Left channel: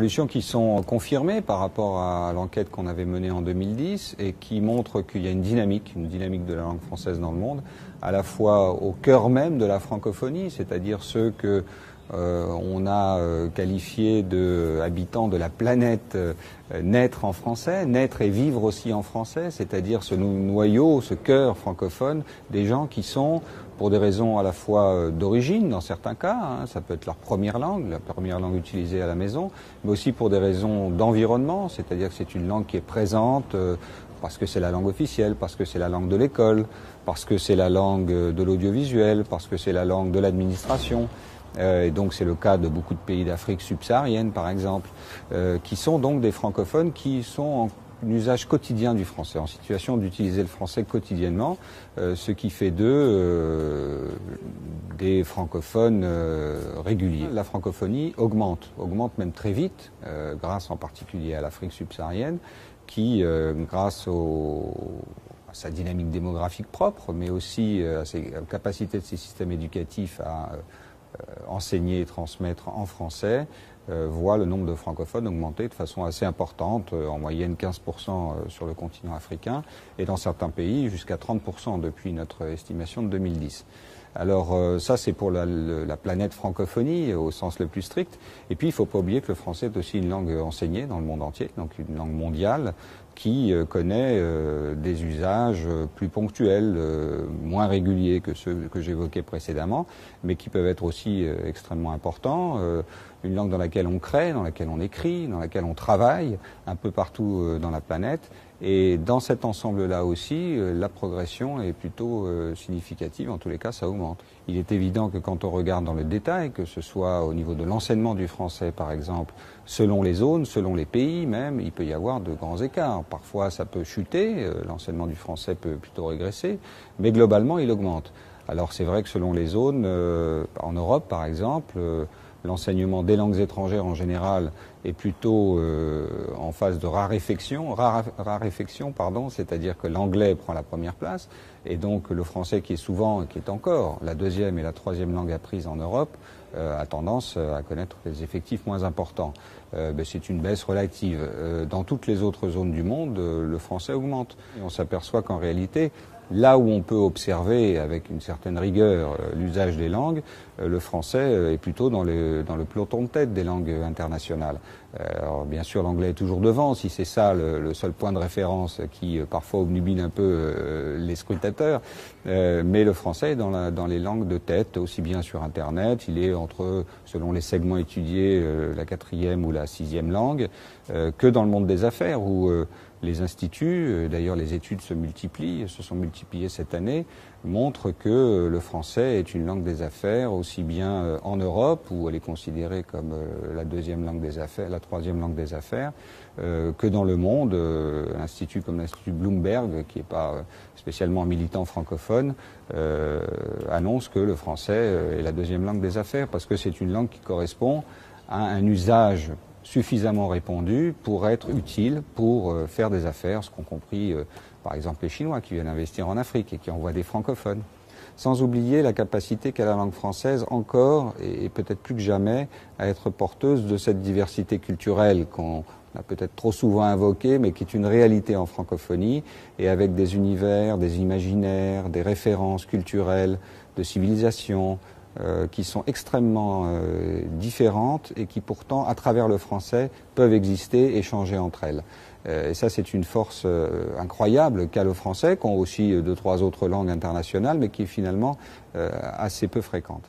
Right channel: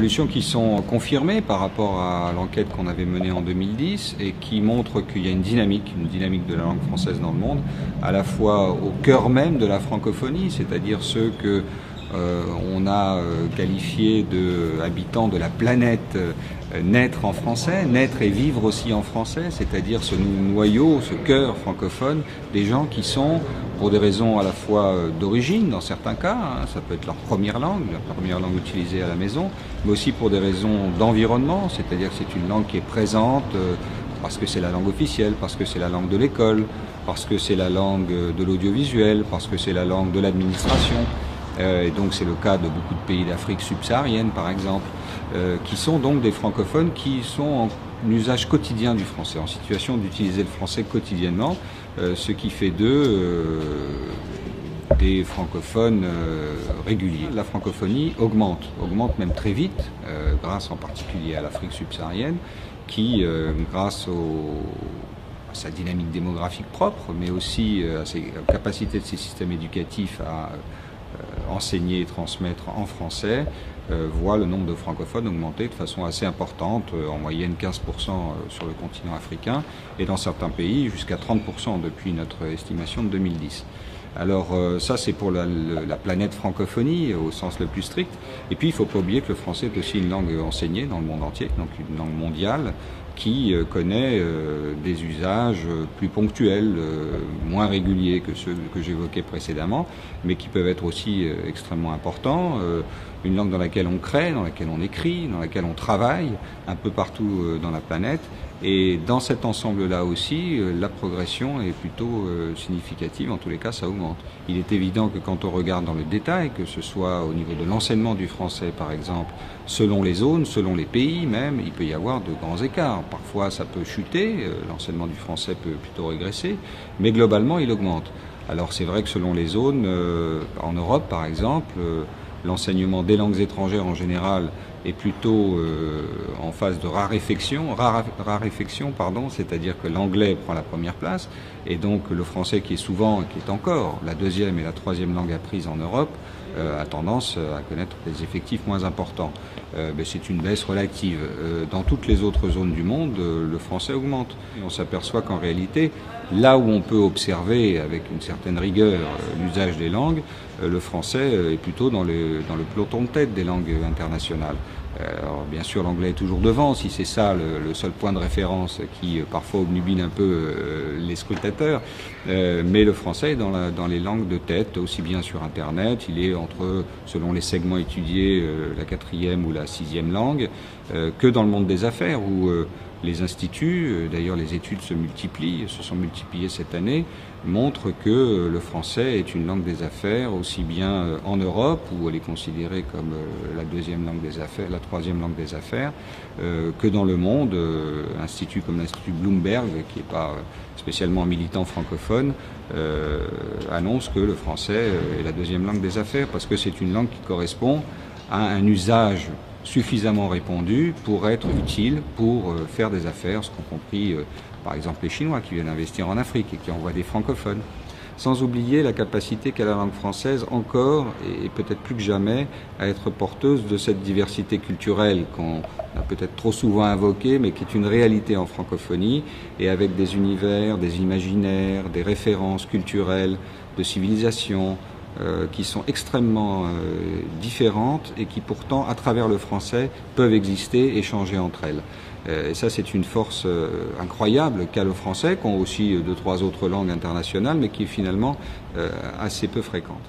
évolutions qui sont confirmées par rapport à l'enquête qu'on avait menée en 2010 et qui montrent qu'il y a une dynamique de la langue française dans le monde, à la fois au cœur même de la francophonie, c'est-à-dire ceux que on a qualifiés d'habitants de la planète, naître en français, naître et vivre aussi en français, c'est-à-dire ce noyau, ce cœur francophone, des gens qui sont, pour des raisons à la fois d'origine, dans certains cas, hein, ça peut être leur première langue utilisée à la maison, mais aussi pour des raisons d'environnement, c'est-à-dire que c'est une langue qui est présente parce que c'est la langue officielle, parce que c'est la langue de l'école, parce que c'est la langue de l'audiovisuel, parce que c'est la langue de l'administration. Et donc c'est le cas de beaucoup de pays d'Afrique subsaharienne par exemple, qui sont donc des francophones qui sont en usage quotidien du français, en situation d'utiliser le français quotidiennement, ce qui fait d'eux des francophones réguliers. La francophonie augmente même très vite, grâce en particulier à l'Afrique subsaharienne, qui, grâce à sa dynamique démographique propre, mais aussi à ses capacités de ses systèmes éducatifs à enseigner et transmettre en français, voit le nombre de francophones augmenter de façon assez importante, en moyenne 15% sur le continent africain, et dans certains pays jusqu'à 30% depuis notre estimation de 2010. Alors ça c'est pour la planète francophonie au sens le plus strict, et puis il ne faut pas oublier que le français est aussi une langue enseignée dans le monde entier, donc une langue mondiale qui connaît des usages plus ponctuels, moins réguliers que ceux que j'évoquais précédemment, mais qui peuvent être aussi extrêmement importants. Une langue dans laquelle on crée, dans laquelle on écrit, dans laquelle on travaille, un peu partout dans la planète. Et dans cet ensemble-là aussi, la progression est plutôt significative, en tous les cas ça augmente. Il est évident que quand on regarde dans le détail, que ce soit au niveau de l'enseignement du français par exemple, selon les zones, selon les pays même, il peut y avoir de grands écarts. Parfois ça peut chuter, l'enseignement du français peut plutôt régresser, mais globalement il augmente. Alors c'est vrai que selon les zones, en Europe par exemple, l'enseignement des langues étrangères en général est plutôt en phase de raréfaction, c'est-à-dire que l'anglais prend la première place, et donc le français qui est encore la deuxième et la troisième langue apprise en Europe, a tendance à connaître des effectifs moins importants. C'est une baisse relative. Dans toutes les autres zones du monde, le français augmente. Et on s'aperçoit qu'en réalité, là où on peut observer avec une certaine rigueur l'usage des langues, le français est plutôt dans le peloton de tête des langues internationales. Alors bien sûr l'anglais est toujours devant, si c'est ça le seul point de référence qui parfois obnubile un peu les scrutateurs, mais le français est dans les langues de tête, aussi bien sur internet, il est entre, selon les segments étudiés, la 4e ou la 6e langue, que dans le monde des affaires où les instituts, d'ailleurs les études se sont multipliées cette année, montrent que le français est une langue des affaires aussi bien en Europe, où elle est considérée comme la deuxième langue des affaires, la troisième langue des affaires, que dans le monde. Instituts comme l'Institut Bloomberg, qui n'est pas spécialement militant francophone, annonce que le français est la deuxième langue des affaires, parce que c'est une langue qui correspond à un usage suffisamment répandu pour être utile pour faire des affaires, ce qu'ont compris par exemple les Chinois qui viennent investir en Afrique et qui envoient des francophones. Sans oublier la capacité qu'a la langue française encore, et peut-être plus que jamais, à être porteuse de cette diversité culturelle qu'on a peut-être trop souvent invoquée, mais qui est une réalité en francophonie, et avec des univers, des imaginaires, des références culturelles, de civilisation, qui sont extrêmement différentes et qui pourtant, à travers le français, peuvent exister et échanger entre elles. Et ça, c'est une force incroyable qu'a le français, qu'ont aussi 2-3 autres langues internationales, mais qui est finalement assez peu fréquente.